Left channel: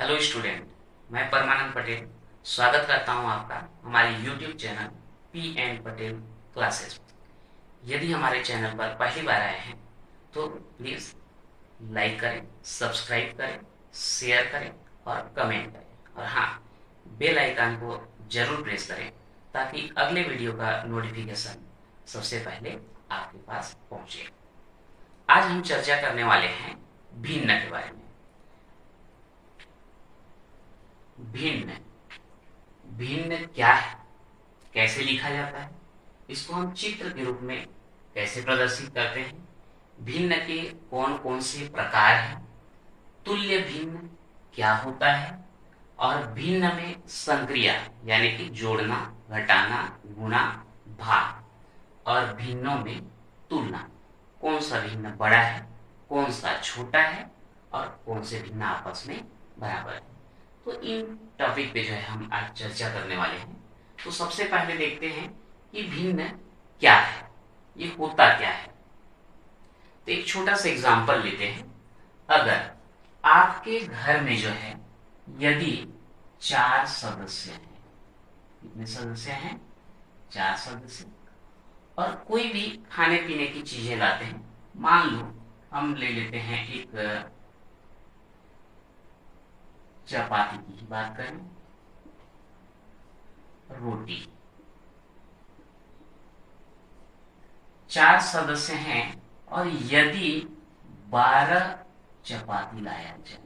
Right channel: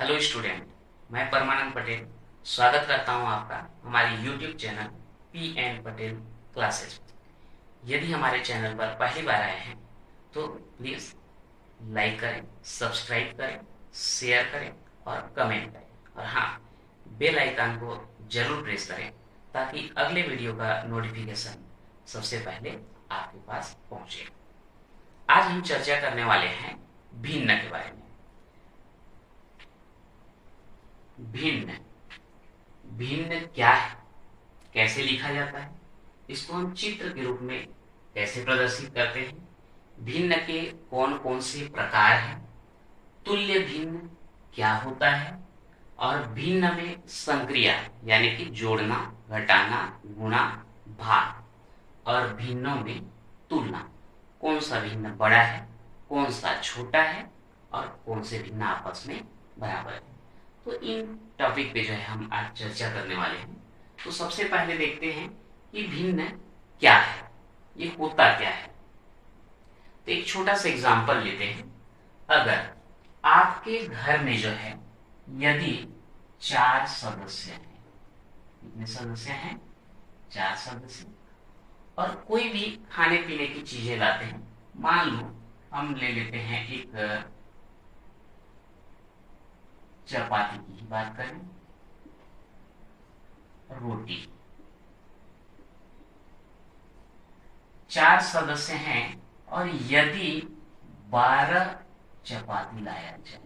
Hello student, मैं परमानंद पटेल स्वागत करता हूं आपका हमारे YouTube channel P N Patel classes में। यदि हमारे चैनल पर पहली बार आए हैं तो प्लीज़ लाइक करें, सब्सक्राइब करें, शेयर करें और कमेंट करें। और हाँ, बेल आइकन को जरूर प्रेस करें ताकि अगले वीडियो का नोटिफिकेशन सबसे पहले आपके पास पहुंचे। आज हम चर्चा करने वाले हैं भिन्न के बारे में। भिन्न भिन्न क्या है, कैसे लिखा जाता है, इसको हम चित्र के रूप में कैसे प्रदर्शित करते हैं, भिन्न के कौन कौन से प्रकार हैं, तुल्य भिन्न क्या होता है, और भिन्न में संक्रिया यानी कि जोड़ना, घटाना, गुणा, भाग, और भिन्नों में तुलना, कौन सा भिन्न बड़ा है, कौन सा छोटा है और कौन से भिन्न आपस में बराबर है। तो इन टॉपिक पे जो है हम आज चर्चा करने वाले हैं। तो सबसे पहले देखते हैं कि भिन्न क्या है, ये होता क्या है। तो एक छोटा सा एग्जांपल लेते हैं। अगर आपके घर में जो है यदि 4 सदस्य हैं, कितने सदस्य हैं? 4 सदस्य, और कोई भी खाने पीने की चीजें लाते हैं। मान लो हम ले लेते हैं एक चपाती की बात करें, रोटी। 4 सदस्य हैं और यदि 12 चपाती लाया जाए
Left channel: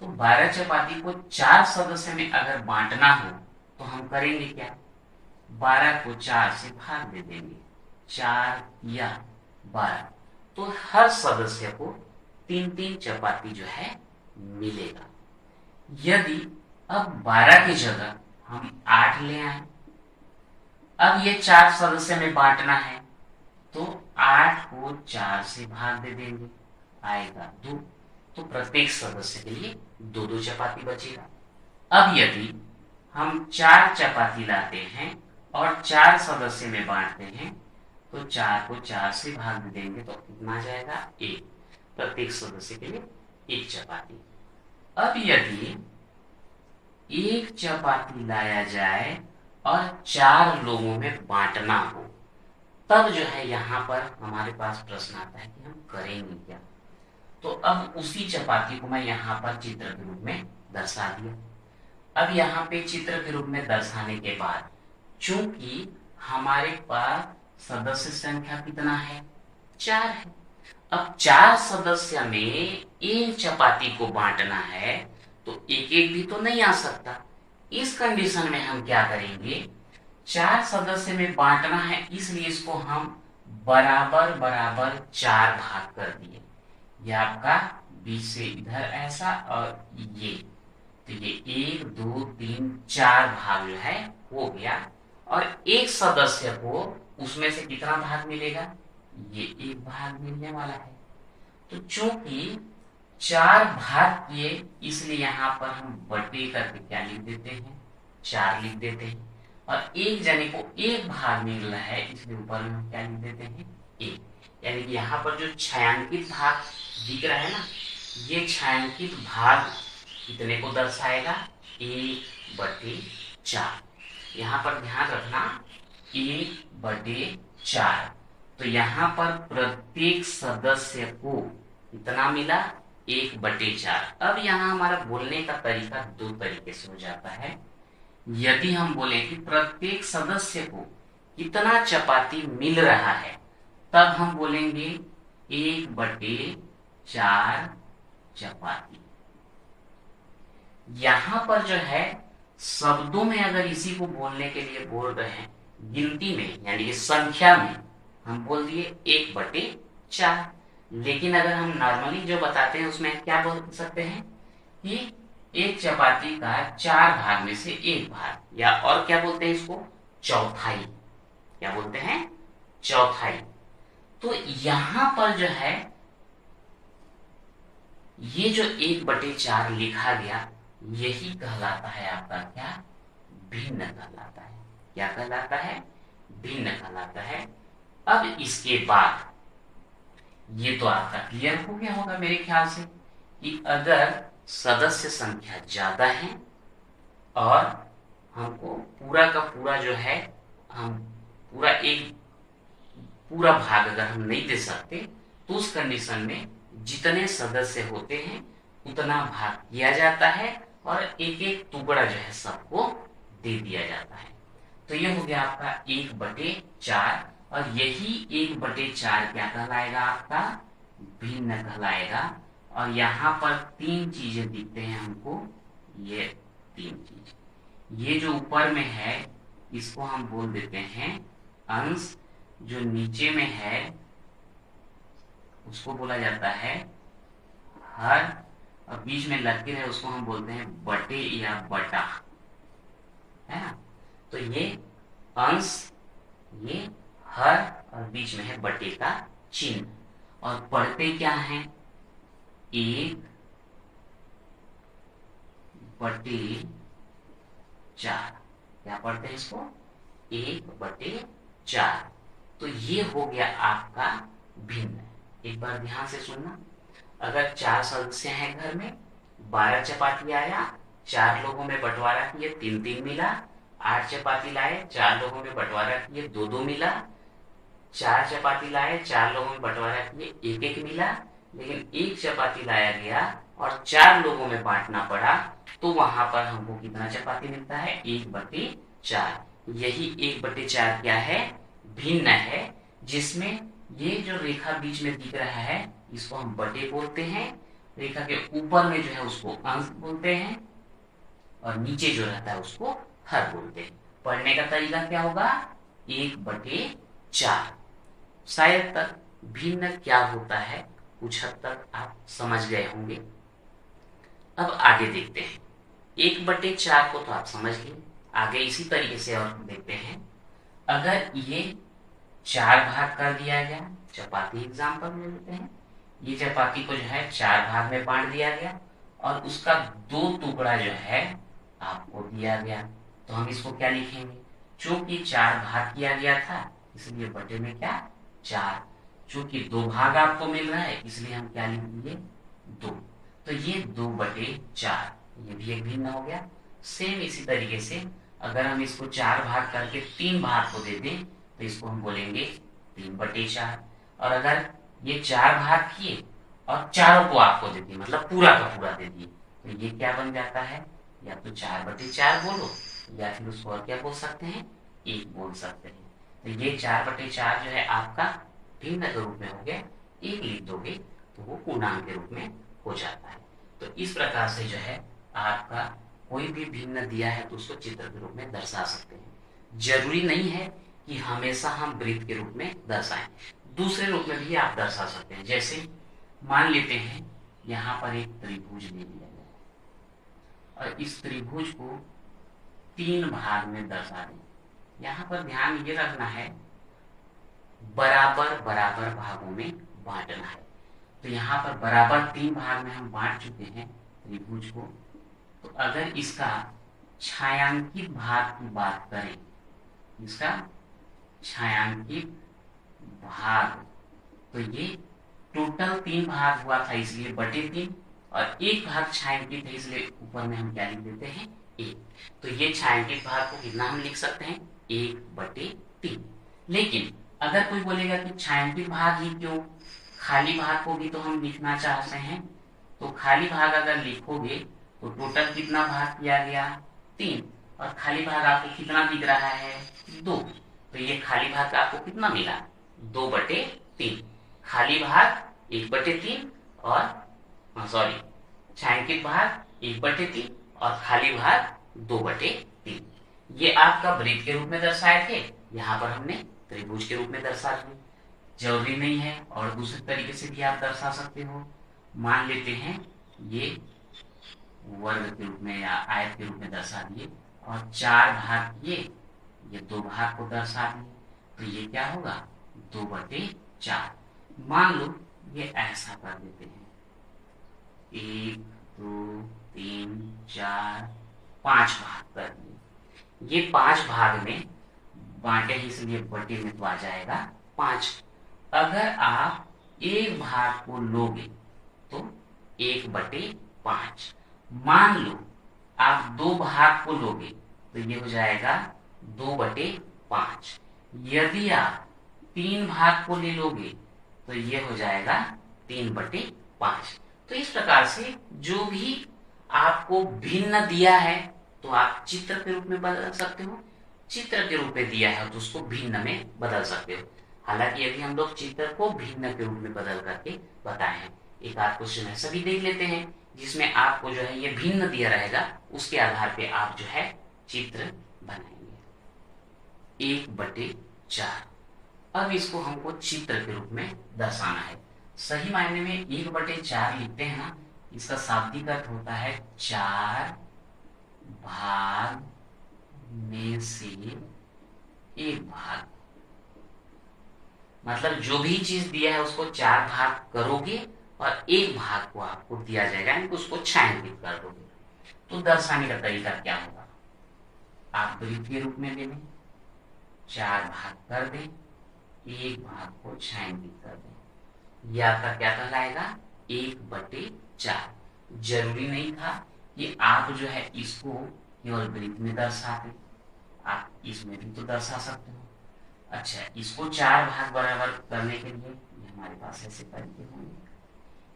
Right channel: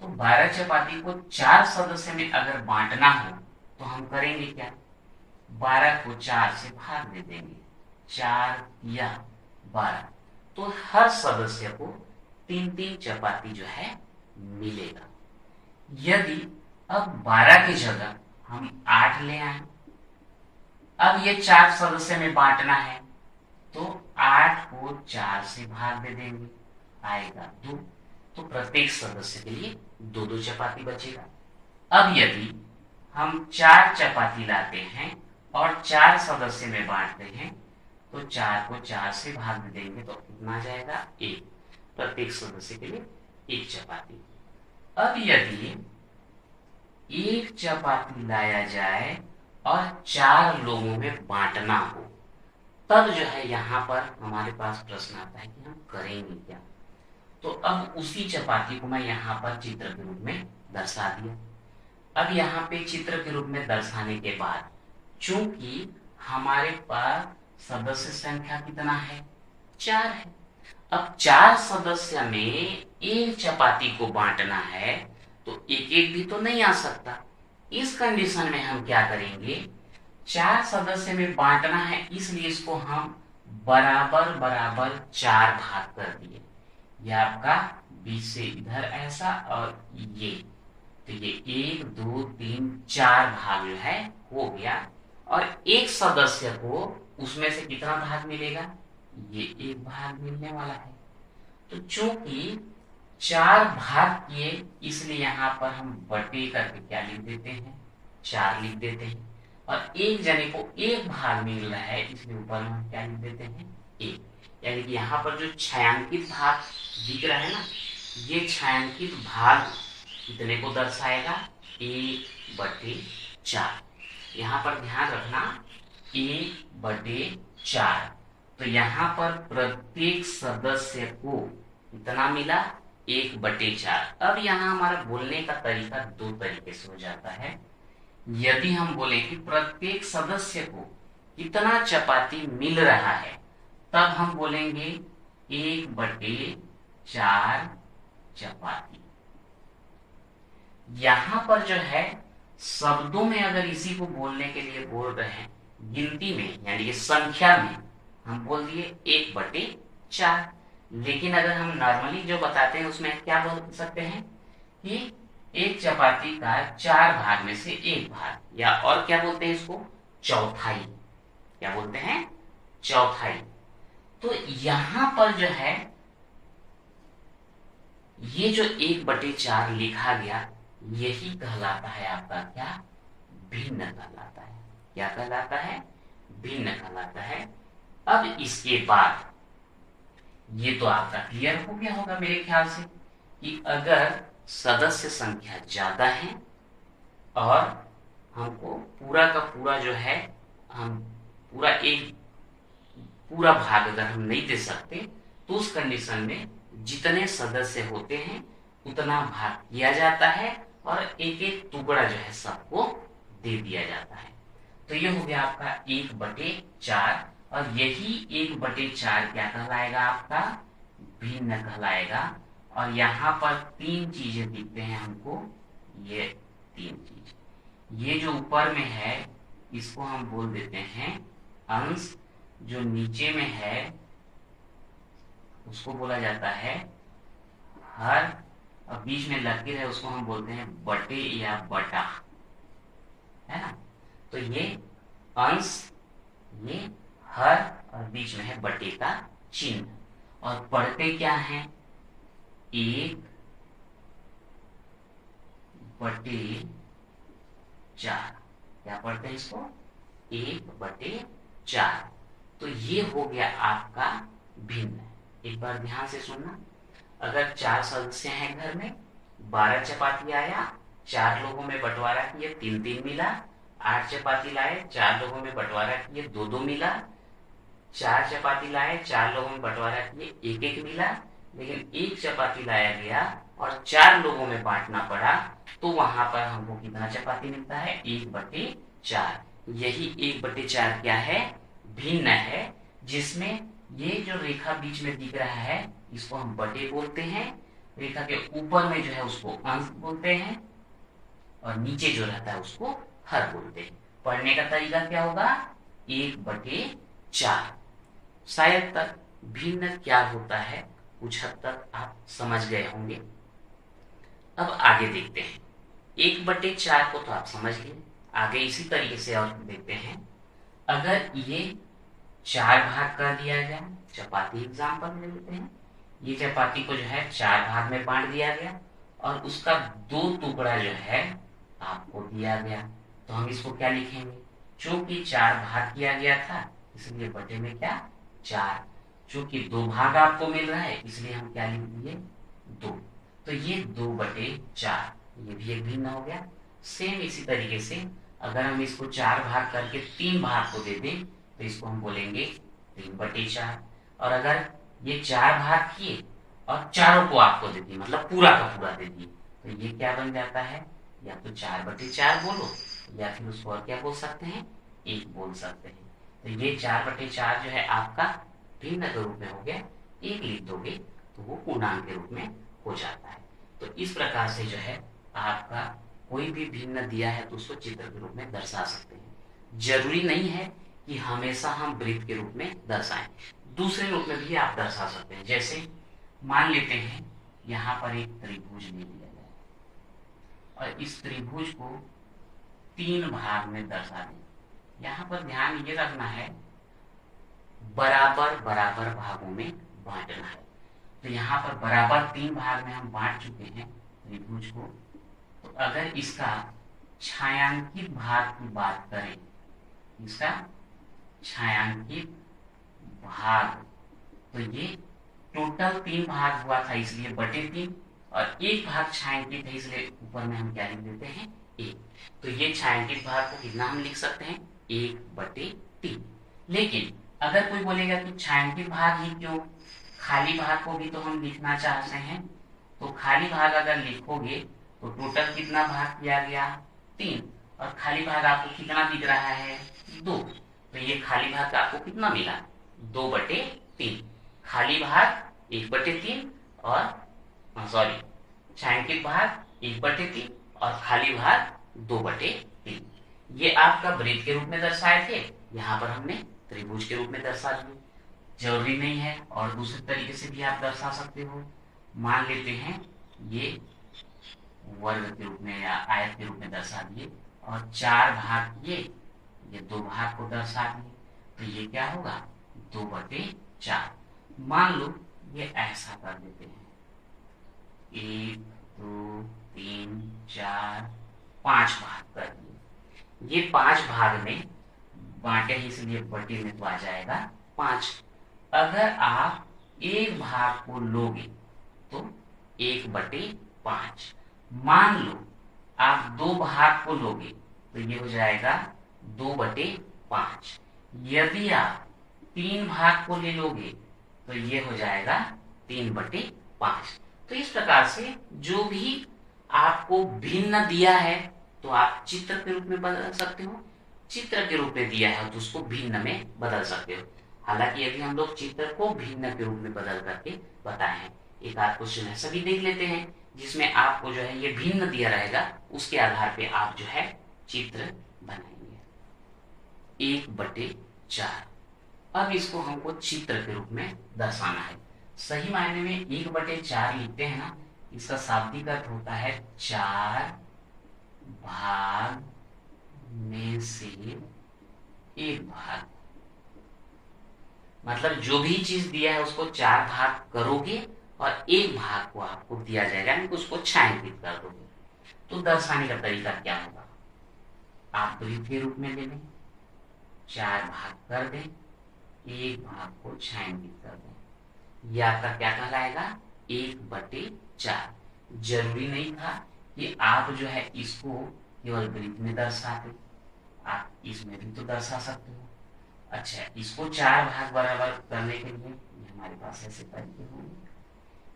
तो 12 चपाती को 4 सदस्य में अगर बांटना हो तो हम करेंगे क्या? 12 को 4 से भाग दे देंगे, 4 या 12, तो हर सदस्य को 3-3 चपाती जो है मिलेगा। यदि अब 12 की जगह हम 8 ले आए, अब ये 4 सदस्य में बांटना है तो 8 को 4 से भाग दे देंगे, आएगा 2, तो प्रत्येक सदस्य के लिए 2-2 चपाती बचेगा। अब यदि हम 4 चपाती लाते हैं और 4 सदस्य में बांटते हैं तो 4 को 4 से भाग दे देंगे तो कितना जाएगा? 1, प्रत्येक सदस्य के लिए 1 चपाती। अब यदि 1 चपाती लाया जाए और 4 लोगों में बांटना हो, तब जो है यहाँ पर हमारे पास प्रश्न आता है कि हम करेंगे क्या। तो अब उसी चपाती को मैं यहाँ पर चित्र के रूप में दर्शा दिया। अब यहाँ पे चित्र के रूप में दर्शाने के बाद चूंकि हमारे पास सदस्य संख्या कितना है? 4 है। अब 4 सदस्य में 1 चपाती को बांटना है तो एक एक भी तो नहीं आ सकता। इस कंडीशन में हम क्या करेंगे? 4 सदस्य में बांटना है, इसलिए इसको हम बराबर बराबर 4 भाग कर दिए। ये आपका बीच से इधर ऐसा और ये, तो ये 1 2 3 4 भाग जो है हो गया। और एक सदस्य को उसमें से कितना भाग मिलेगा? ये 1 भाग मिलने वाला है। तो चूंकि 4 भाग किए, इसलिए यहाँ पर हम बटे करके क्या लिख देते हैं? 4 लिख देते हैं। और एक जने को 1 भाग मिल रहा है, इसलिए ऊपर में हम क्या लिख देते हैं? 1। यानी कि यहाँ पर जो छायांकित भाग दिख रहा है ना, ये छायांकित भाग कितने को दर्शाएगा? 1/4। यहाँ पर ध्यान रखना, 1/4। तो यहाँ पर प्रत्येक सदस्य को कितना मिला? 1/4। अब यहाँ हमारा बोलने का तरीका 2 तरीके से हो जाता है। यदि हम बोले कि प्रत्येक सदस्य को कितना चपाती मिल रहा है, तब हम बोलेंगे 1/4 चपाती। यहाँ पर जो है शब्दों में अगर इसी को बोलने के लिए बोल रहे हैं, गिनती में यानी कि संख्या में हम बोल दिए 1/4। लेकिन अगर हम नॉर्मली जो बताते हैं उसमें क्या बोल सकते हैं कि 1 चपाती का 4 भाग में से 1 भाग, या और क्या बोलते हैं इसको? चौथाई। क्या बोलते हैं? चौथाई। तो यहां पर जो है ये जो 1/4 लिखा गया, यही कहलाता है आपका क्या? भिन्न कहलाता है। क्या कहलाता है? भिन्न कहलाता है। अब इसके बाद ये तो आपका क्लियर हो गया होगा मेरे ख्याल से कि अगर सदस्य संख्या ज्यादा है और हमको पूरा का पूरा जो है, हम पूरा भाग अगर हम नहीं दे सकते, तो उस कंडीशन में जितने सदस्य होते हैं उतना भाग किया जाता है और एक एक टुकड़ा जो है सबको दे दिया जाता है। तो ये हो गया आपका 1/4, और यही 1/4 क्या कहलाएगा, आपका भिन्न कहलाएगा। और यहाँ पर 3 चीजें दिखते हैं हमको, ये 3 चीज, ये जो ऊपर में है इसको हम बोल देते हैं अंश, जो नीचे में है उसको बोला जाता है हर, और बीच में लकीर है उसको हम बोलते हैं बटे या बटा, है ना। तो ये अंश, ये हर, और बीच में है बटे का चिन्ह। और पढ़ते क्या है, 1/4, क्या पढ़ते हैं इसको, 1/4। तो ये हो गया आपका भिन्न। एक बार ध्यान से सुनना, अगर 4 सदस्य हैं घर में, 12 चपाती आया, 4 लोगों में बंटवारा किए 3-3 मिला, 8 चपाती लाए, 4 लोगों में बंटवारा किए 2-2 मिला, 4 चपाती लाए, 4 लोगों में बंटवारा किए 1-1 मिला। लेकिन 1 चपाती लाया गया और 4 लोगों में बांटना पड़ा, तो वहां पर हमको कितना चपाती मिलता है, 1/4। यही 1/4 क्या है, भिन्न है, जिसमें ये जो रेखा बीच में दिख रहा है इसको हम बटे बोलते हैं, रेखा के ऊपर में जो है उसको अंश बोलते हैं, और नीचे जो रहता है उसको हर बोलते हैं। पढ़ने का तरीका क्या होगा, 1/4। शायद तक भिन्न क्या होता है कुछ हद तक आप समझ गए होंगे। अब आगे देखते हैं, 1/4 को तो आप समझ गए, आगे इसी तरीके से और देखते हैं। अगर ये 4 भाग कर दिया गया, चपाती एग्जाम्पल ले लेते हैं, ये चपाती को जो है 4 भाग में बांट दिया गया और उसका 2 टुकड़ा जो है आपको दिया गया, तो हम इसको क्या लिखेंगे, चूंकि 4 भाग किया गया था इसलिए बटे में क्या 4, चूंकि 2 भाग आपको मिल रहा है इसलिए हम क्या लिख दिए 2, तो ये 2/4, ये भी एक भिन्न हो गया। सेम इसी तरीके से अगर हम इसको 4 भाग करके 3 भाग को दे दें तो इसको हम बोलेंगे 3/4। और अगर ये 4 भाग किए और चारों को आपको दे दिए, मतलब पूरा का पूरा दे दिए, तो ये क्या बन जाता है, या तो 4/4 बोलो या फिर उसको और क्या बोल सकते हैं, 1 बोल सकते हैं। तो ये 4/4 जो है आपका भिन्न के रूप में हो गया, 1 लिख दोगे तो वो पूर्णांक के रूप में हो जाता है। तो इस प्रकार से जो है आपका कोई भी भिन्न दिया है तो उसको चित्र के रूप में दर्शा सकते हैं। जरूरी नहीं है कि हमेशा हम वृत्त के रूप में दर्शाएं, दूसरे रूप में भी आप दर्शा सकते हैं। जैसे मान लेते हैं यहाँ पर एक त्रिभुज ले लिया जाए और इस त्रिभुज को 3 भाग में दर्शा दें। यहाँ पर ध्यान ये रखना है, बराबर बराबर भागों में बांटना है। तो यहाँ पर बराबर 3 भाग में हम बांट चुके हैं त्रिभुज को। तो अगर इसका छायांकित भाग की बात करें, इसका छायांकित भाग, तो ये टोटल 3 भाग हुआ था इसलिए बटे 3, और 1 भाग छायांकित है इसलिए ऊपर में हम क्या लिख देते हैं 1। तो ये छायांकित भाग को कितना हम लिख सकते हैं 1/3। लेकिन अगर कोई बोलेगा कि छायांकित भाग ही क्यों, खाली भाग को भी तो हम लिखना चाहते हैं, तो खाली भाग अगर लिखोगे तो टोटल कितना भाग किया गया 3, और खाली भाग आपको कितना दिख रहा है 2, तो ये खाली भाग आपको कितना मिला 2/3। खाली भाग 1/3 और सॉरी छायांकित भाग 1/3 और खाली भाग 2/3। ये आपका वृत्त के रूप में दर्शाए थे, यहाँ पर हमने त्रिभुज के रूप में दर्शा दिए। जरूरी नहीं है और दूसरे तरीके से भी आप दर्शा सकते हो। मान लेते हैं ये वर्ग के रूप में या आयत के रूप में दर्शा दिए और 4 भाग किए, ये 2 भाग को दर्शा दिए, तो ये क्या होगा 2/4। मान लो ये ऐसा कर देते हैं, 1 2 3 4 5 भाग कर दिए। ये 5 भाग में बांटे ही इसलिए बटे में तो आ जाएगा 5। अगर आप 1 भाग को लोगे तो 1/5। मान लो आप 2 भाग को लोगे तो ये हो जाएगा 2/5। यदि आप 3 भाग को ले लोगे तो ये हो जाएगा 3/5। तो इस प्रकार से जो भी आपको भिन्न दिया है तो आप चित्र के रूप में बदल सकते हो, चित्र के रूप में दिया है तो उसको भिन्न में बदल सकते हो। हालांकि यदि हम लोग चित्र को भिन्न के रूप में बदल करके बताए हैं, एक आध क्वेश्चन है सभी देख लेते हैं जिसमें आपको जो है ये भिन्न दिया रहेगा, उसके आधार पे आप जो है चित्र बनाएंगे। 1/4। अब इसको हमको चित्र के रूप में दर्शाना है। सही मायने में 1/4 लिखते हैं ना, इसका शाब्दिक अर्थ होता है 4 भाग में से 1 भाग। मतलब जो भी चीज दिया है उसको 4 भाग करोगे और 1 भाग को आपको दिया जाएगा, यानी उसको छायांकित कर दोगे। तो दर्शाने का तरीका क्या होगा, आप वृत्त के रूप में ले लें, 4 भाग कर दें, 1 भाग को छायांकित कर दें, यह आपका क्या कहलाएगा 1/4। जरूरी नहीं था कि आप जो है इसको केवल वृत्त में दर्शाते, आप इसमें भी तो दर्शा सकते हो। अच्छा, इसको 4 भाग बराबर करने के लिए हमारे पास ऐसे तरीके होंगे।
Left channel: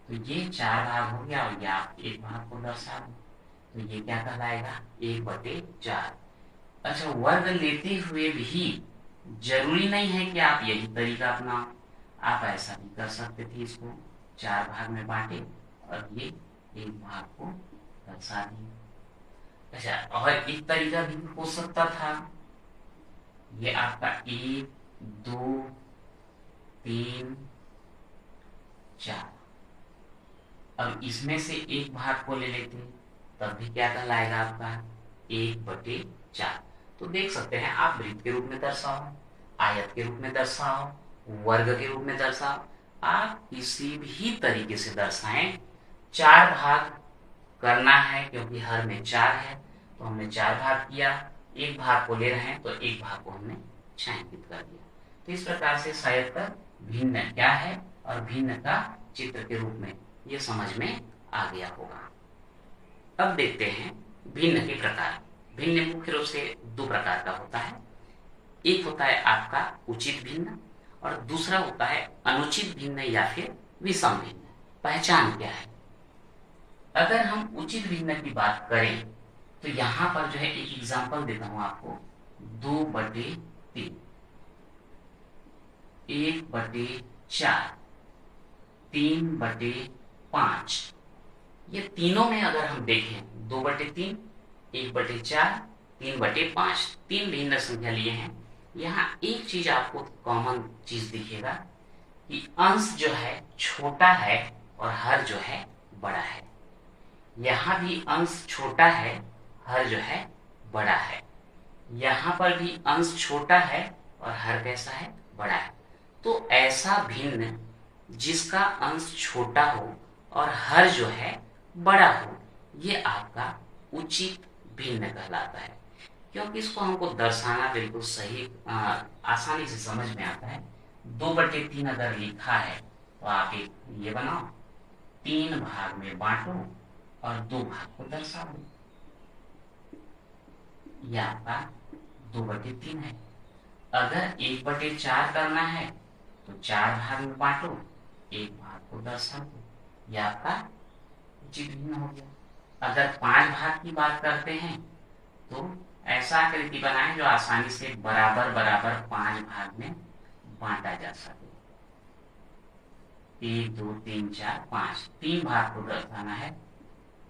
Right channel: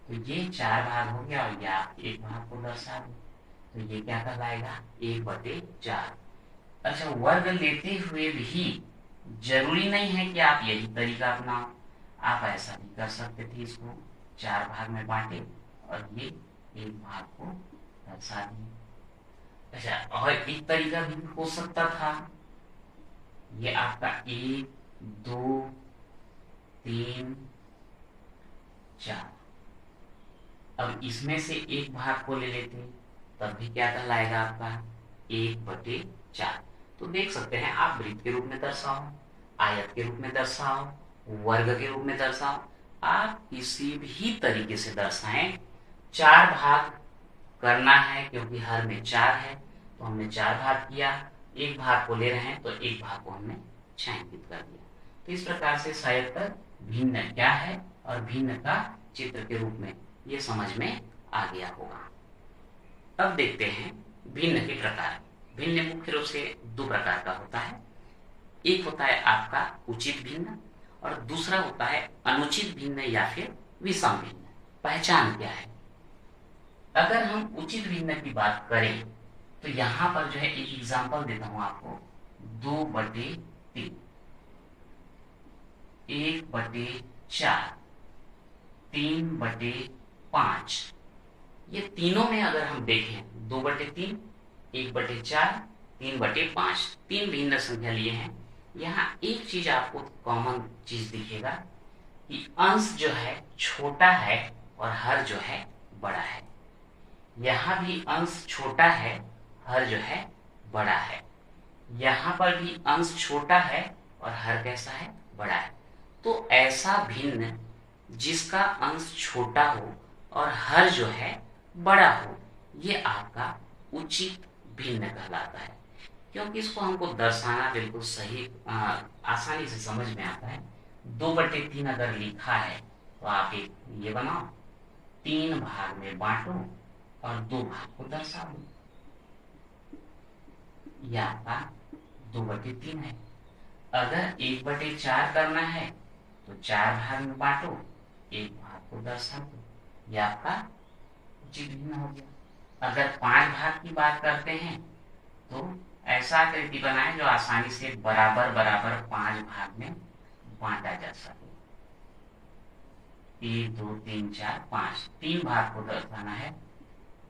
तो ये 4 भाग हो गया और या 1 भाग को दर्शा दो, तो ये क्या कहलाएगा 1/4। अच्छा, वर्ग लेते हुए भी जरूरी नहीं है कि आप यही तरीका अपनाओ, आप ऐसा भी कर सकते थे, इसको 4 भाग में बांटे और ये 1 भाग को दर्शा दिए। अच्छा, और एक तरीका भी हो सकता था, ये आपका 1 2 3 4, अब इसमें से 1 भाग को ले लेते तब भी क्या कहलाएगा आपका 1/4। तो देख सकते हैं आप वृत्त के रूप में दर्शाओ, आयत के रूप में दर्शाओ, वर्ग के रूप में दर्शाओ, आप किसी भी तरीके से दर्शाएं, 4 भाग करना है क्योंकि हर में 4 है तो हमने 4 भाग किया, 1 भाग को ले रहे हैं तो 1 भाग को हमने छायांकित कर दिया। तो इस प्रकार से शायद भिन्न क्या है और भिन्न का चित्र के रूप में ये समझ में आ गया होगा। अब देखते हैं भिन्न के प्रकार। भिन्न मुख्य रूप से 2 प्रकार का होता है, एक होता है आपका उचित भिन्न और दूसरा होता है अनुचित भिन्न या फिर विषम भिन्न। पहचान क्या है, अगर हम उचित भिन्न की बात करें तो यहां पर जो है एक एग्जांपल देता हूं आपको, 2/3, 1/4, 3/5। ये तीनों में अगर हम देखें 2/3, 1/4, 3/5, 3 भिन्न संख्या लिए हैं। यहाँ एक चीज आपको कॉमन चीज दिखेगा कि अंश जो है छोटा है और हर जो है बड़ा है। यहाँ भी अंश छोटा है, हर जो है बड़ा है। यहाँ पर भी अंश छोटा है और हर कैसा है बड़ा है। तो ऐसा भिन्न जिसका अंश छोटा हो और हर जो है बड़ा हो, ये आपका उचित भिन्न कहलाता है, क्योंकि इसको हमको दर्शाना बिल्कुल सही आसानी से समझ में आता है। 2/3 अगर लिखा है तो आप एक ये बनाओ, 3 भाग में बांटो और 2 भाग को दर्शा दो, यह आपका 2/3 है। अगर 1/4 करना है तो 4 भाग में बांटो, 1 भाग को दर्शा दो, यह आपका उचित भिन्न हो गया। अगर 5 भाग की बात करते हैं तो ऐसा आकृति बनाएं जो आसानी से बराबर बराबर 5 भाग में बांटा जा सके। 1 2 3 4 5, 3 भाग को दर्शाना है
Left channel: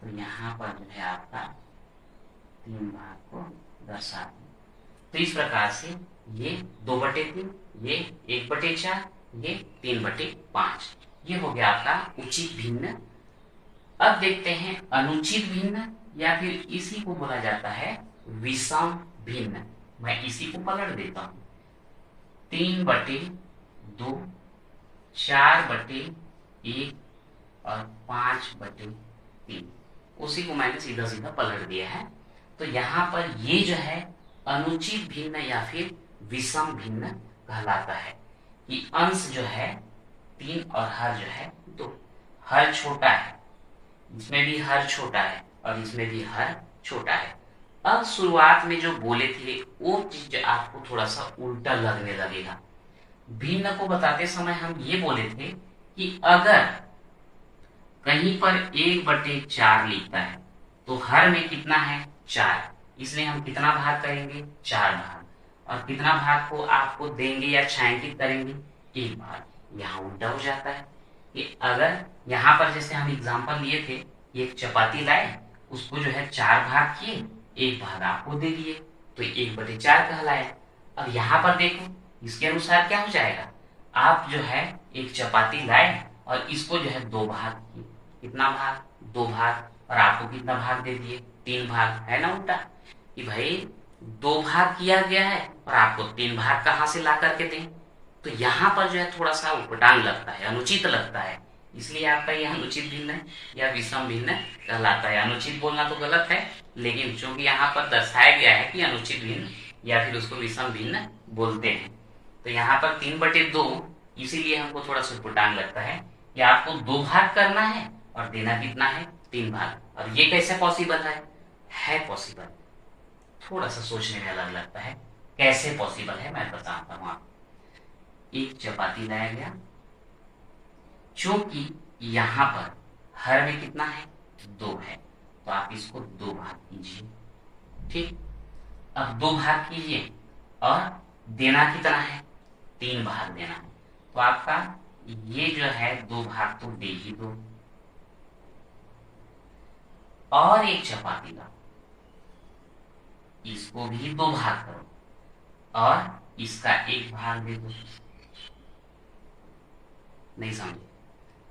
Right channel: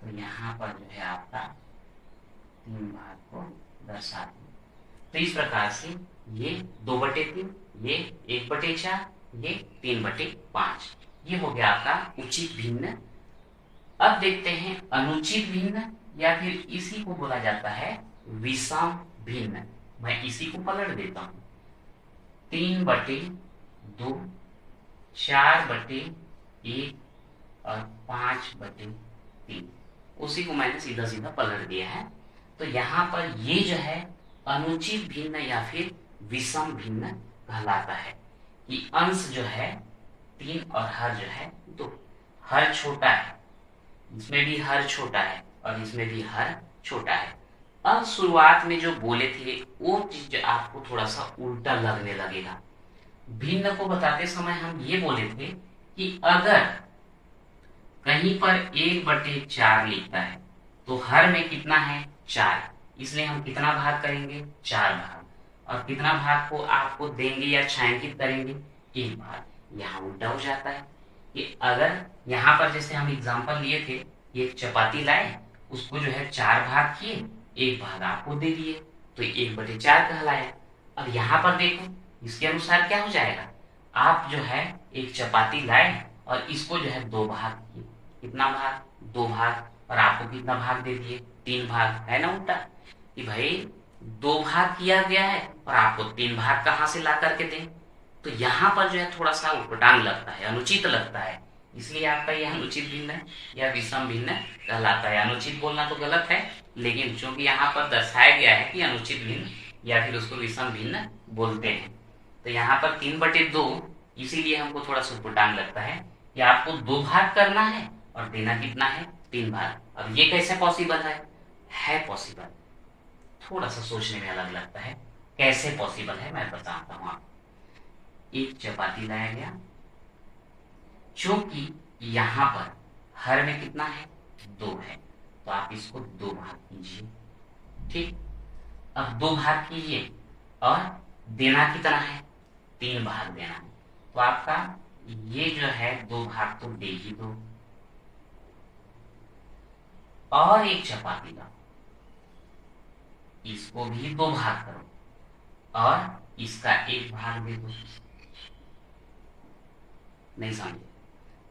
तो यहाँ पर जो है आपका 3 भाग को दर्शा दें। तो इस प्रकार से ये 2/3, ये 1/4, ये 3/5, ये हो गया आपका उचित भिन्न। अब देखते हैं अनुचित भिन्न या फिर इसी को बोला जाता है विषम भिन्न। मैं इसी को पलट देता हूं, 3/2, 4/1 और 5/3, उसी को मैंने सीधा सीधा पलट दिया है। तो यहाँ पर ये जो है अनुचित भिन्न या फिर विषम भिन्न कहलाता है कि अंश जो है 3 और हर जो है 2। हर छोटा है इसमें भी हर छोटा है और इसमें भी हर छोटा है। अब शुरुआत में जो बोले थे वो चीज आपको थोड़ा सा उल्टा लगने लगेगा। भिन्न को बताते समय हम ये बोले थे कि अगर कहीं पर 1/4 लिखता है तो हर में कितना है 4, इसलिए हम कितना भाग करेंगे 4 भाग। और कितना भाग को आपको देंगे या छायांकित करेंगे 1 भाग। यहाँ उल्टा हो जाता है कि अगर यहाँ पर जैसे हम एग्जाम्पल लिए थे, एक चपाती लाए, उसको जो है 4 भाग किए, 1 भाग आपको दे दिए, तो 1/4 कहलाया। अब यहाँ पर देखो, इसके अनुसार क्या हो जाएगा, आप जो है एक चपाती लाए और इसको जो है 2 भाग किए, कितना भाग 2 भाग, और आपको कितना भाग दे दिए 3 भाग। है ना उल्टा कि भाई 2 भाग किया गया है और आपको 3 भाग कहां से ला करके दें। तो यहाँ पर जो है थोड़ा सा उपटांग लगता है, अनुचित लगता है, इसलिए आपका यह अनुचित भिन्न या विषम भिन्न कहलाता है। अनुचित बोलना तो गलत है, लेकिन चूंकि यहाँ पर दर्शाया गया है कि अनुचित भिन्न या फिर उसको विषम भिन्न बोलते हैं, तो यहाँ पर 3/2, इसीलिए हमको थोड़ा सा उपटांग लगता है कि आपको 2 भाग करना है और देना कितना है 3 भाग। अब ये कैसे पॉसिबल है पॉसिबल, थोड़ा सा सोचने में अलग लगता है। कैसे पॉसिबल है मैं बताता हूं आपको। एक चपाती लाया गया, क्योंकि यहां पर हर में कितना है 2 है, तो आप इसको 2 भाग कीजिए। ठीक, अब 2 भाग कीजिए और देना कितना है 3 भाग देना है, तो आपका ये जो है 2 भाग तो दे ही दो। और एक चपाती लाओ, इसको भी 2 भाग करो और इसका 1 भाग दे दो। नहीं समझे,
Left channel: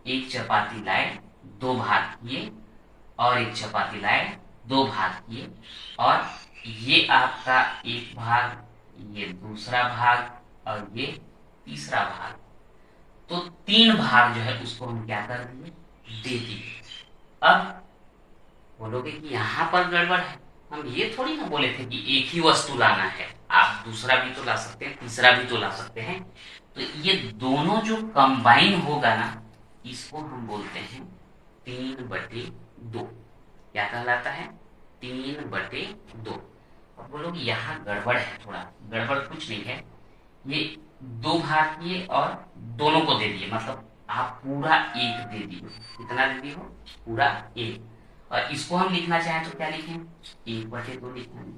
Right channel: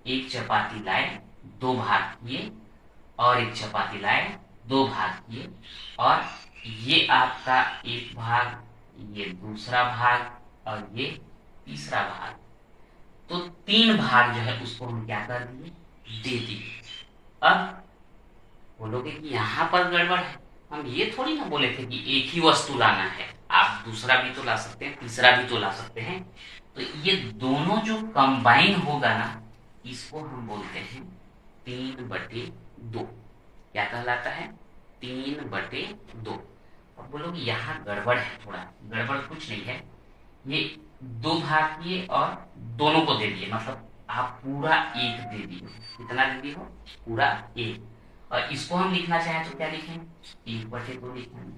एक चपाती लाए 2 भाग किए और एक चपाती लाए 2 भाग किए, और ये आपका 1 भाग, ये दूसरा भाग और ये तीसरा भाग, तो 3 भाग जो है उसको हम क्या कर दिए दे दिए। अब बोलोगे कि यहां पर गड़बड़ है, हम ये थोड़ी ना बोले थे कि एक ही वस्तु लाना है, आप दूसरा भी तो ला सकते हैं, तीसरा भी तो ला सकते हैं। तो ये दोनों जो कंबाइन होगा ना, इसको हम बोलते हैं 3/2। क्या कहलाता है 3/2। अब बोलोगे यहाँ गड़बड़ है, थोड़ा गड़बड़ कुछ नहीं है, ये 2 भाग किए और दोनों को दे दिए, मतलब आप पूरा 1 दे दिए। कितना दे दिए हो पूरा 1, और इसको हम लिखना चाहें तो क्या लिखें 1/2 लिखना है।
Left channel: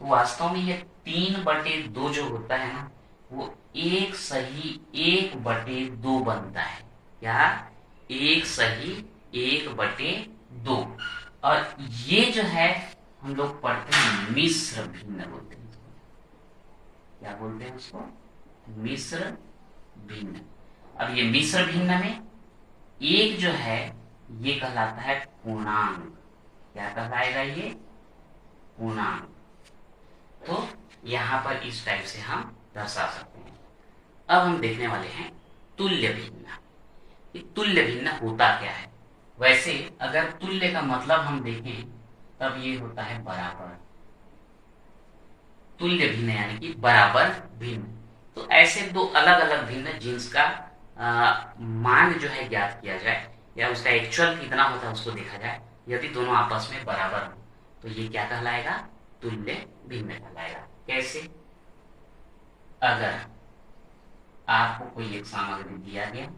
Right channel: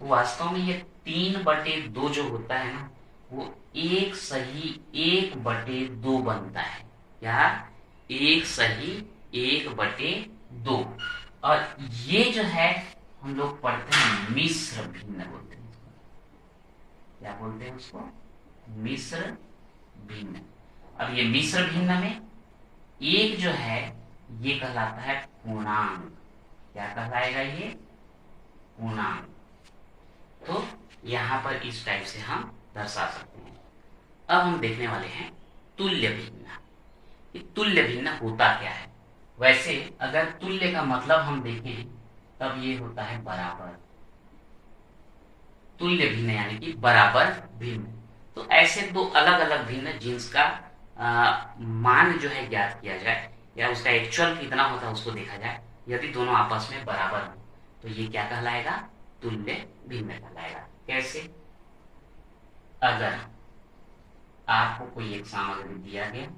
तो वास्तव में ये 3/2 जो होता है ना, वो एक सही 1/2 बनता है। क्या 1 सही 1/2। और ये जो है हम लोग पढ़ते हैं मिश्र भिन्न बोलते हैं इसको। क्या बोलते हैं उसको मिश्र भिन्न। अब ये मिश्र भिन्न में एक जो है ये कहलाता है पूर्णांक। क्या कहलाएगा ये पूर्णांक। तो यहां पर इस टाइप से हम दर्शा सकते हैं। अब हम देखने वाले हैं तुल्य भिन्न। ये तुल्य भिन्न होता क्या है। वैसे अगर तुल्य का मतलब हम देखें तब ये होता है बराबर। तुल्य भिन्न यानी कि बराबर भिन्न। तो ऐसे 2 अलग अलग भिन्न जिनका मान जो है ज्ञात किया जाए या उसका एक्चुअल कितना होता है उसको देखा जाए, यदि दोनों आपस में बराबर हो तो ये क्या कहलाएगा तुल्य भिन्न कहलाएगा। कैसे, अगर आपको कोई एक सामग्री दिया गया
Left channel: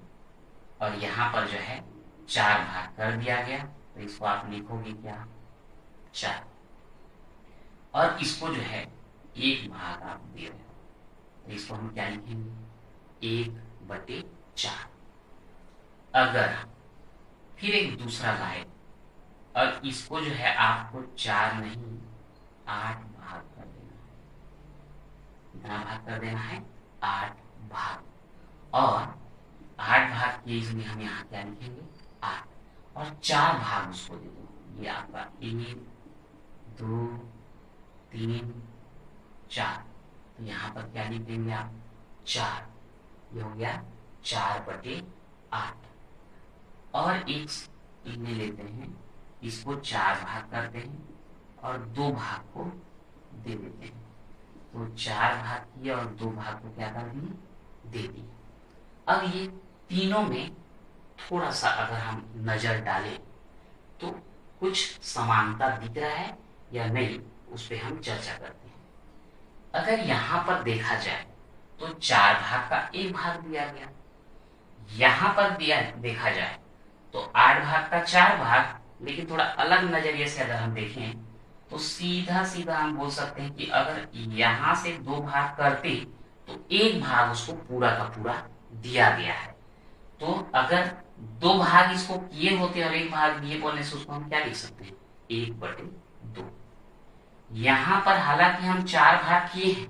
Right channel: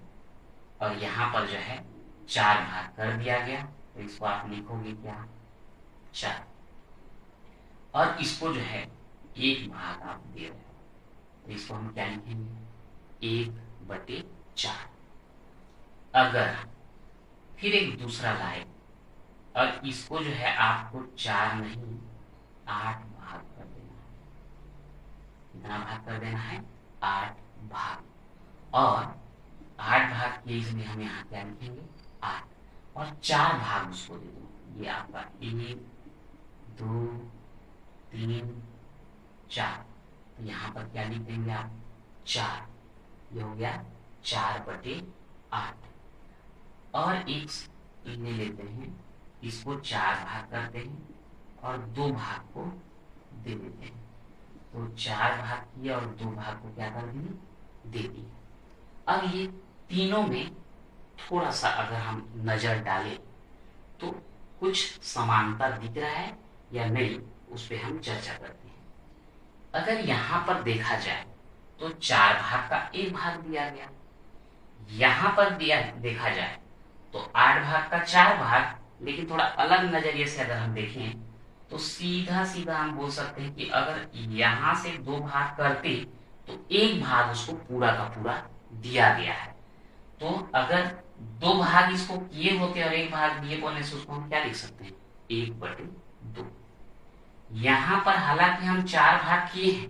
और यहाँ पर जो है 4 भाग कर दिया गया, तो इसको आप लिखोगे क्या 4, और इसको जो है 1 भाग आप दे रहे हो, तो इसको हम क्या लिखेंगे 1/4। अगर फिर एक दूसरा लाए और इसको जो है आपको 4 नहीं 8 भाग कर देना है। कितना भाग कर देना है 8 भाग, और 8 भाग किए इसमें हम यहाँ क्या लिखेंगे 8, और 4 भाग उसको दे दो। ये आपका 1 2 3 4, तो यहाँ पर क्या लिख देंगे आप 4। ये हो गया 4/8। और एक ले लेते हैं, इसको 4 भाग करते हैं और 2 भाग को दे देते हैं। तो 4 भाग किए और 2 भाग को क्या कर दिए दे दिए। अब ये तीनों में थोड़ा सा अगर हम नजर डालें तो कुछ समानता दिख रहा है या नहीं, उस पर हम चर्चा करते हैं। अगर यहां पर देखा जाए तो 4 भाग का एक भाग दिया गया, यहां पर दिया देखा जाए तो 8 भाग का 4 भाग, लेकिन थोड़ा अलग नजरिए से अगर हम देखें तो सीधा सीधा हम बोल सकते हैं कि अगर यहां से 2 भाग करते तो एक भाग उसको पूरा का पूरा दिया गया है। तो अगर 2 भाग इसको किए होते और एक भाग दिए बोलने से उसको हम क्या लिख सकते हैं, 1/2। यहां पर हालांकि हम 4 भाग किए हैं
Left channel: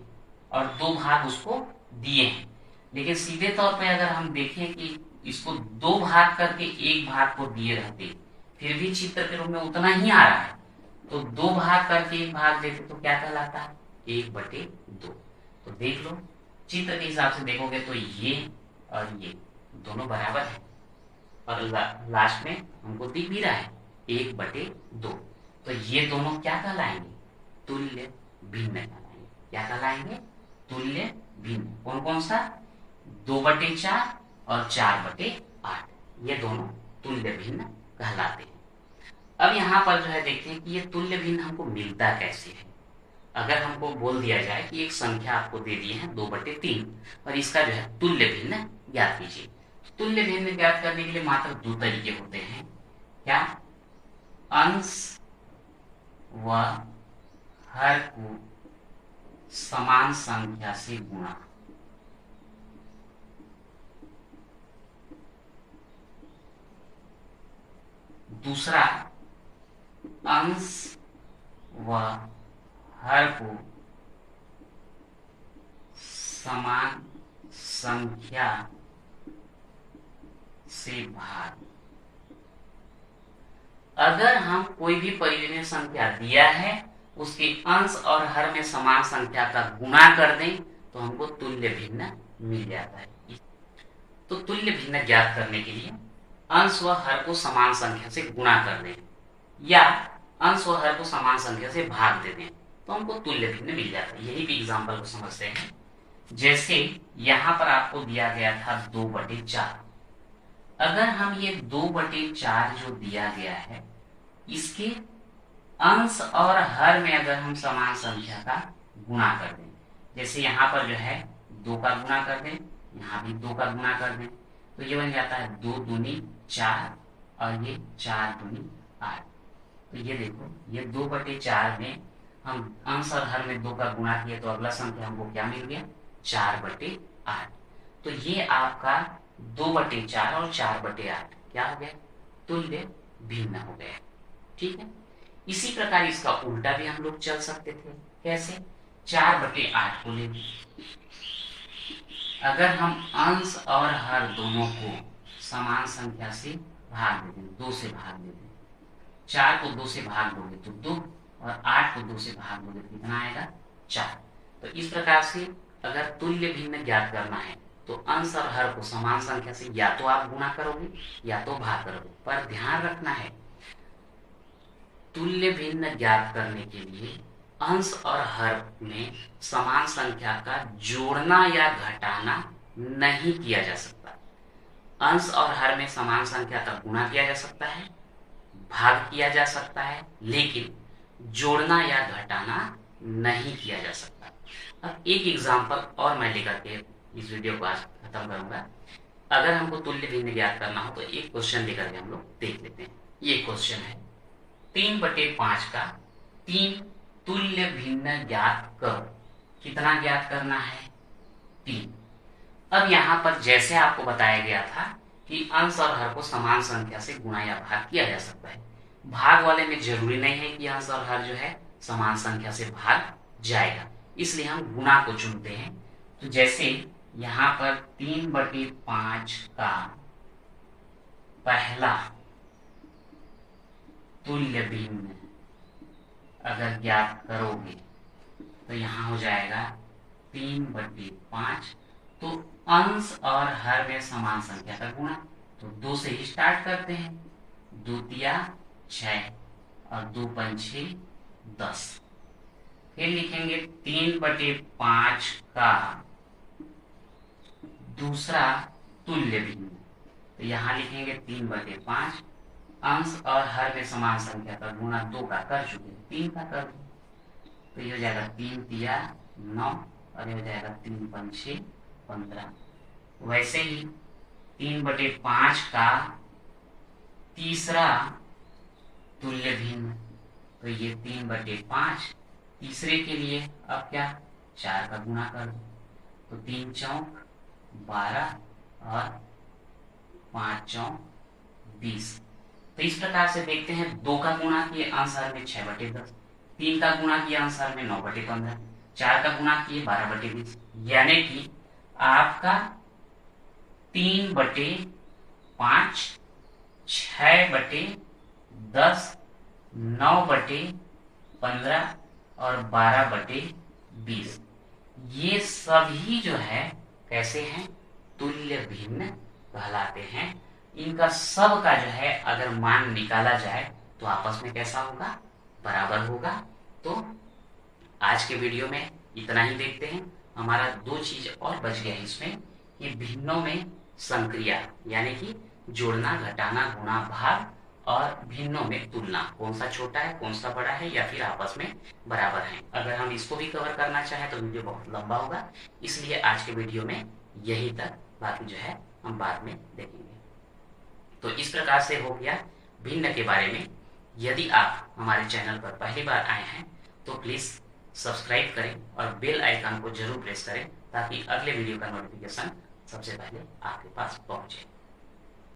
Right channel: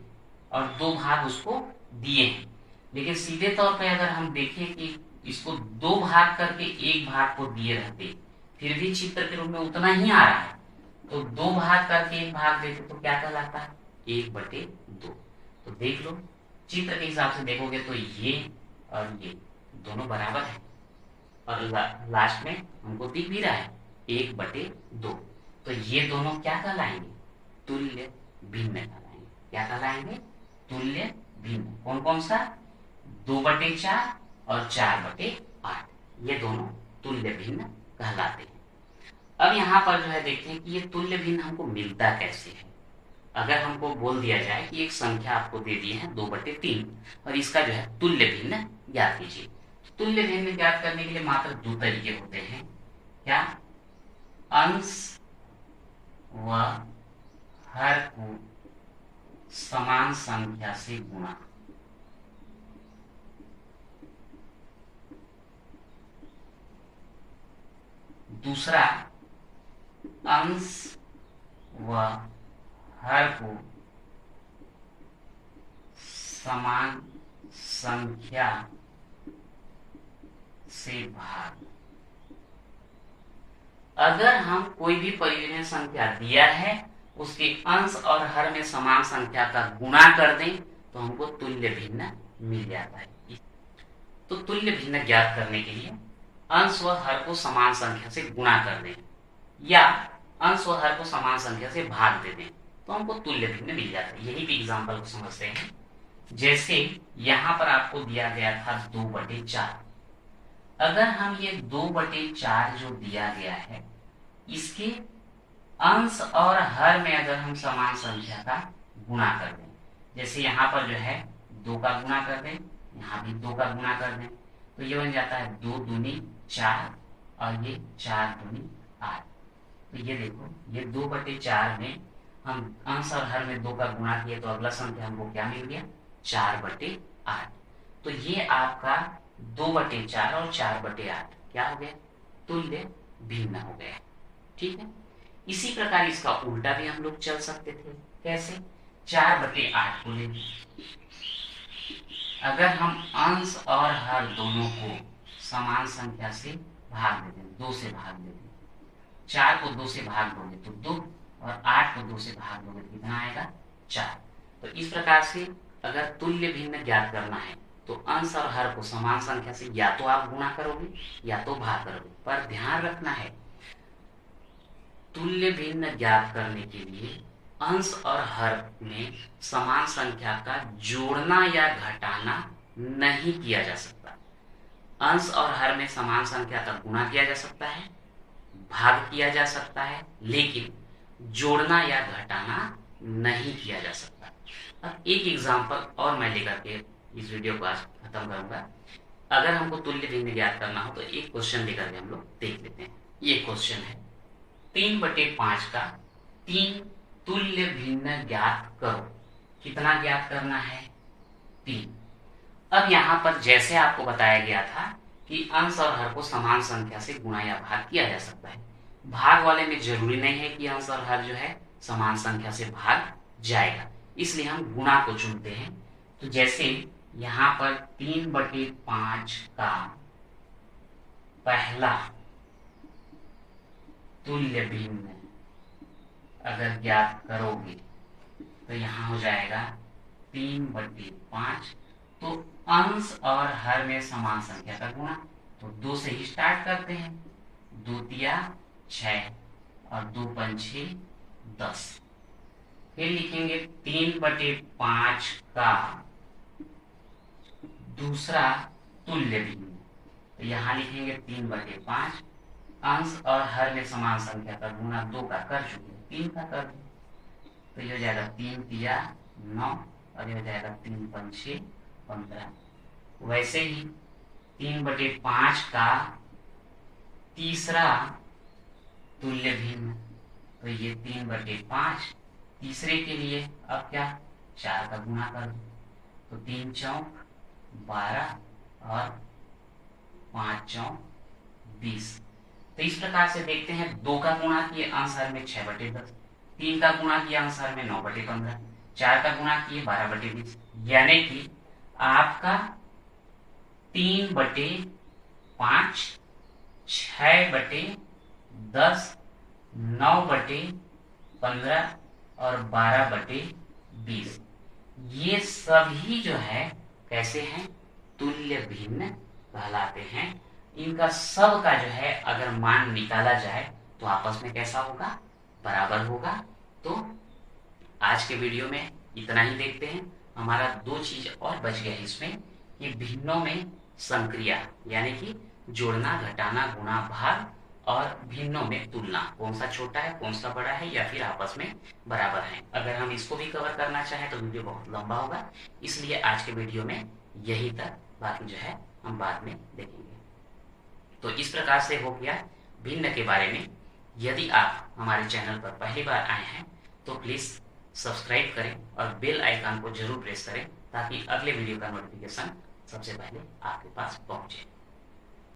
और 2 भाग उसको दिए हैं, लेकिन सीधे तौर पे अगर हम देखें कि इसको 2 भाग करके एक भाग को दिए रहते, फिर भी चित्र के रूप में उतना ही आ रहा है, तो 2 भाग करके एक भाग देते तो क्या कहलाता है, 1/2। तो देख लो चित्र के हिसाब से देखोगे तो ये और ये दोनों बराबर है, और लास्ट में हमको दिख भी रहा है 1/2। तो ये दोनों क्या कहलाएंगे, तुल्य भिन्न कहलाएंगे। क्या कहलाएंगे, तुल्य भिन्न। कौन कौन सा, 2/4 और 4/8, ये दोनों तुल्य भिन्न कहलाते हैं। अब यहाँ पर जो है देखते हैं कि ये तुल्य भिन्न हमको मिलता कैसे है। अगर हमको बोल दिया जाए कि एक संख्या आपको दे दी है 2/3 और इसका जो है तुल्य भिन्न ज्ञात कीजिए। तुल्य भिन्न ज्ञात करने के लिए मात्र 2 तरीके होते हैं। क्या, अंश व हर को समान संख्या से गुणा। दूसरा, अंश व हर को समान संख्या से भाग। अगर हम कोई भी परिमेय संख्या दिया है उसके अंश और हर में समान संख्या का गुणा कर दें तो हमको तुल्य भिन्न मिल जाता है। तो तुल्य भिन्न ज्ञात करने के लिए अंश व हर को समान संख्या से गुणा कर दें या अंश व हर को समान संख्या से भाग दे दें तो हमको तुल्य भिन्न मिल जाता है। यही भी एग्जाम्पल को समझते हैं। जैसे यहां पर आपको दिया गया था 2/4। अगर हम ये 2/4 जो दिया गया है इसके अंश और हर में अगर हम समान संख्या का गुणा कर दें, जैसे यहाँ पर जो है 2 का गुणा कर दें, यहाँ भी 2 का गुणा कर दें, तो ये बन जाता है 2 दूनी 4 और ये 4 दूनी 8। तो ये देखो ये 2/4 में हम अंश और हर में 2 का गुणा किए तो अगला संख्या हमको क्या मिल गया, 4/8। तो ये आपका 2/4 और 4/8 क्या हो गया, तुल्य भिन्न हो गया। ठीक है। इसी प्रकार इसका उल्टा भी हम लोग चल सकते थे। कैसे, 4/8 को ले, अगर हम अंश और हर दोनों को समान संख्या से भाग दे दें, 2 से भाग दे दें, 4 को 2 से भाग दोगे तो 2 और 8 को 2 से भाग दोगे तो कितना आएगा, 4। तो इस प्रकार से अगर तुल्य भिन्न ज्ञात करना है तो अंश और हर को समान संख्या से या तो आप गुणा करोगे या तो भाग करोगे। पर ध्यान रखना है, तुल्य भिन्न ज्ञात करने के लिए अंश और हर में समान संख्या का जोड़ना या घटाना नहीं किया जा सकता। अंश और हर में समान संख्या का गुणा किया जा सकता है, भाग किया जा सकता है, लेकिन जोड़ना या घटाना नहीं किया जा सकता। अब एक एग्जांपल और मैं लेकर के इस वीडियो को आज खत्म करूंगा। अगर हमको तुल्य भिन्न ज्ञात करना हो तो एक क्वेश्चन लेकर के हम लोग देख लेते हैं। ये क्वेश्चन है 3/5 का 3 तुल्य भिन्न ज्ञात करो। कितना ज्ञात करना है, 3। अब यहाँ पर जैसे आपको बताया गया था कि अंश और हर को समान संख्या से गुणा या भाग किया जा सकता है। भाग वाले में जरूरी नहीं है कि अंश और हर जो है समान संख्या से भाग जाएगा, इसलिए हम गुणा को चुनते हैं। तो जैसे यहाँ पर 3/5 का पहला तुल्य भिन्न अगर ज्ञात करोगे तो यहाँ हो जाएगा 3/5। तो अंश और हर में समान संख्या का गुणा, तो 2 से ही स्टार्ट करते हैं। 2 तिया 6 और 2 पंछी 10। फिर लिखेंगे 3/5 का दूसरा तुल्य भिन्न, तो यहाँ लिखेंगे 3/5 अंश और हर में समान संख्या का गुणा 2 का कर चुके हैं, 3 का कर दो, तो ये हो जाएगा 3 तिया 9 और ये हो जाएगा 3 पंछे 15। वैसे ही 3/5 का तीसरा तुल्य भिन्न, तो ये 3/5 तीसरे के लिए अब क्या 4 का गुणा कर दो, तो 3 चौक 12 और 5 चौक 20। तो इस प्रकार से देखते हैं 2 का गुणा किए अंश में 6/10, 3 का गुणा किया अंश में 9/15, 4 का गुणा किए 12/20, यानी कि आपका 3/5 6/10 9/15 और 12/20 ये सभी जो है कैसे हैं तुल्य भिन्न कहलाते हैं। इनका सब का जो है अगर मान निकाला जाए तो आपस में कैसा होगा बराबर होगा। तो आज के वीडियो में इतना ही देखते हैं। हमारा 2 चीज और बच गया इसमें कि भिन्नों में संक्रिया यानी कि जोड़ना घटाना गुणा भाग और भिन्नों में तुलना, कौन सा छोटा है कौन सा बड़ा है या फिर आपस में बराबर है। अगर हम इसको भी कवर करना चाहें तो वीडियो बहुत लंबा होगा, इसलिए आज के वीडियो में यही तक, बाकी जो है हम बाद में देखेंगे। तो इस प्रकार से हो गया भिन्न के बारे में। यदि आप हमारे चैनल पर पहली बार आए हैं तो प्लीज सब्सक्राइब करें और बेल आइकन को जरूर प्रेस करें ताकि अगले वीडियो का नोटिफिकेशन सबसे पहले आपके पास पहुंचे।